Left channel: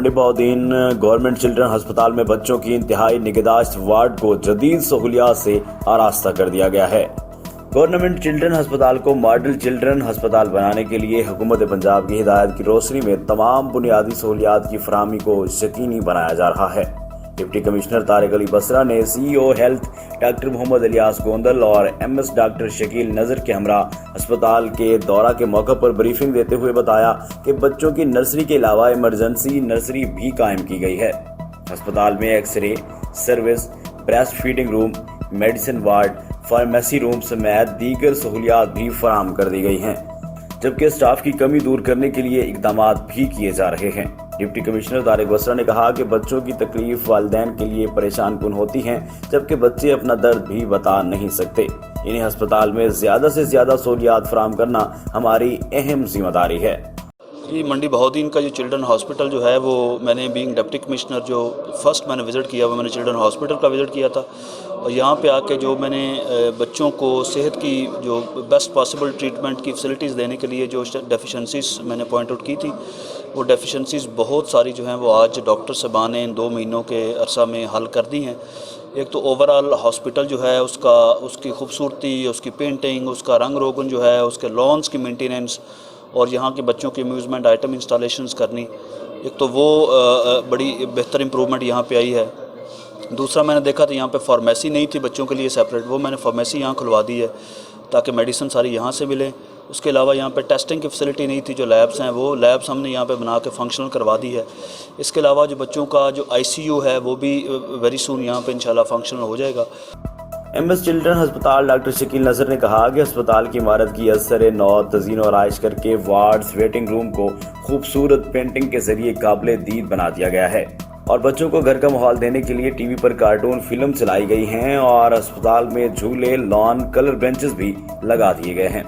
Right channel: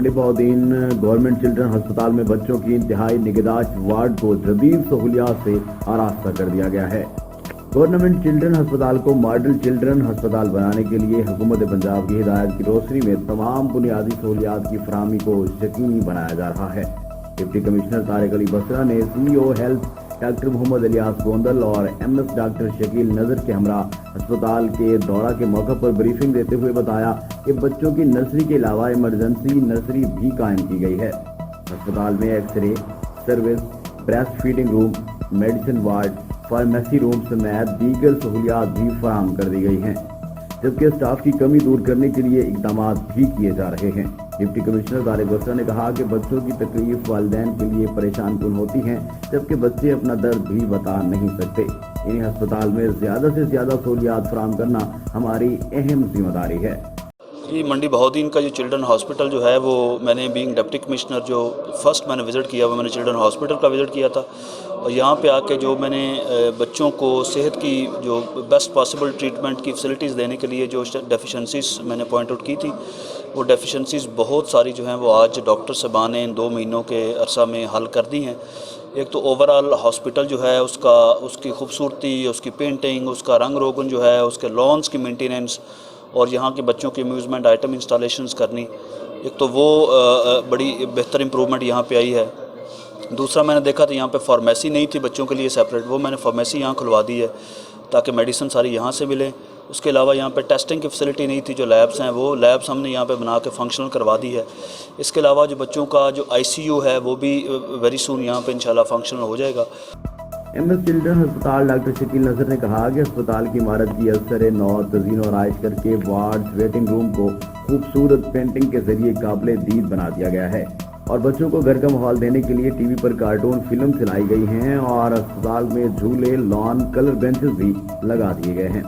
मंडी Bahauddin government children अस्पताल में बच्चों की इंतहाई निगहदाश्त वार्ड को जदीद सहूलियात से आरास्ता कर दिया गया है। गवर्नमेंट चिल्ड्रन अस्पताल को मॉडल चिल्ड्रन अस्पताल बनाने के लिए हुकूमत पंजाब की हिदायत की रोशनी में तमाम बुनियादी सहूलियात की फराहमी को यकीनी बनाया जा रहा है। डिप्टी कमिश्नर तारिक अली बसरा ने CEO health doctor Mohammad Ilyas Gondal और MS डॉक्टर शकील नज़र के हमरा अस्पताल के दौरा के मौके पर ब्रीफिंग देते हुए बताया कि बच्चों की नर्सरी के अलावा इमरजेंसी नर्सरी भी कायम की गई है। अस्पताल में x ray service, breast feeding room, medicine ward, pharmacy room समेत दीगर सहूलियात भी फराहम कर दी गई हैं, जबकि स्टाफ की कमी दूर करने के लिए इकदाम भी किए जा रहे हैं। डिप्टी कमिश्नर तारिक बसरा ने कहा कि बच्चों की तकलीफ वालिदैन के लिए परेशान कुन होती हैं, जबकि बच्चे अपना दर्द भी बता नहीं सकते। इन्हें अस्पताल में ज़्यादा से ज़्यादा सहूलियात फराहम करना हमारी अहम जिम्मेदारी है। ये मंडी बहाउद्दीन का जो चिल्ड्रन हॉस्पिटल जो है वो मैंने बीइंग डिप्टी कमिश्नर जो फर्स्ट मैंने विज़िट किया वो मैंने चिल्ड्रन हॉस्पिटल का विज़िट किया था, और यहाँ पे आके जो मैंने बच्चों को सेहत की जो बेस्ट पॉसिबल ट्रीटमेंट की फैसिलिटीज़ देने के लिए जो डेफिशिएंसीज मैंने पॉइंट आउट की थी, वो डेफिशिएंसीज बहुत सारी जो हैं वो आज डॉक्टर साहबान ने इन 2 महीनों के अरसा में हल कर दी हैं। एक तो ओवरऑल हॉस्पिटल जो है उसकी खूबसूरती, उसकी पेंटिंग, उसका रंग रोगन जो है, उसके लॉन्स की मेंटेनेंस और यहाँ के बच्चों की अम्यूज़मेंट आइटम इंस्टॉलेशंस करनी, एक तो वो बड़ी बेहतर इम्प्रूवमेंट यहाँ पे आई है। दूसरा मैंने देखा था यहाँ पे फार्मेसी नहीं थी बच्चों के लिए सेपरेट, वो मैंने फार्मेसी यहाँ खुलवा दी है ताकि मेडिसिन सारी यहाँ से मिले। उसके अलावा यहाँ पे टेस्टिंग की फैसिलिटी नहीं थी, जो लैब्स हैं वो लैब्स हमने यहाँ पे बना के फंक्शनल करवा दी है। इसके अलावा जो बच्चों का जो ICU है वो भी वेरी सून यहाँ पे इंशाल्लाह फंक्शनल हो जाएगा। MS चिल्ड्रन अस्पताल डॉक्टर शकील नज़र ने कहा कि अस्पताल की इमारत की असर नौ तज़ीन और आइश करके वार्ड्स वेटिंग रूम को खूबसूरत पेंटिंग के जरिए काबिल दीद बना दिया गया है और बच्चों को घर का माहौल देने के लिए TV पर कार्टून फिल्म चलाई गई हैं और अस्पताल में झूले, लॉन, कलर बेंचेस भी लगा दिए गए हैं।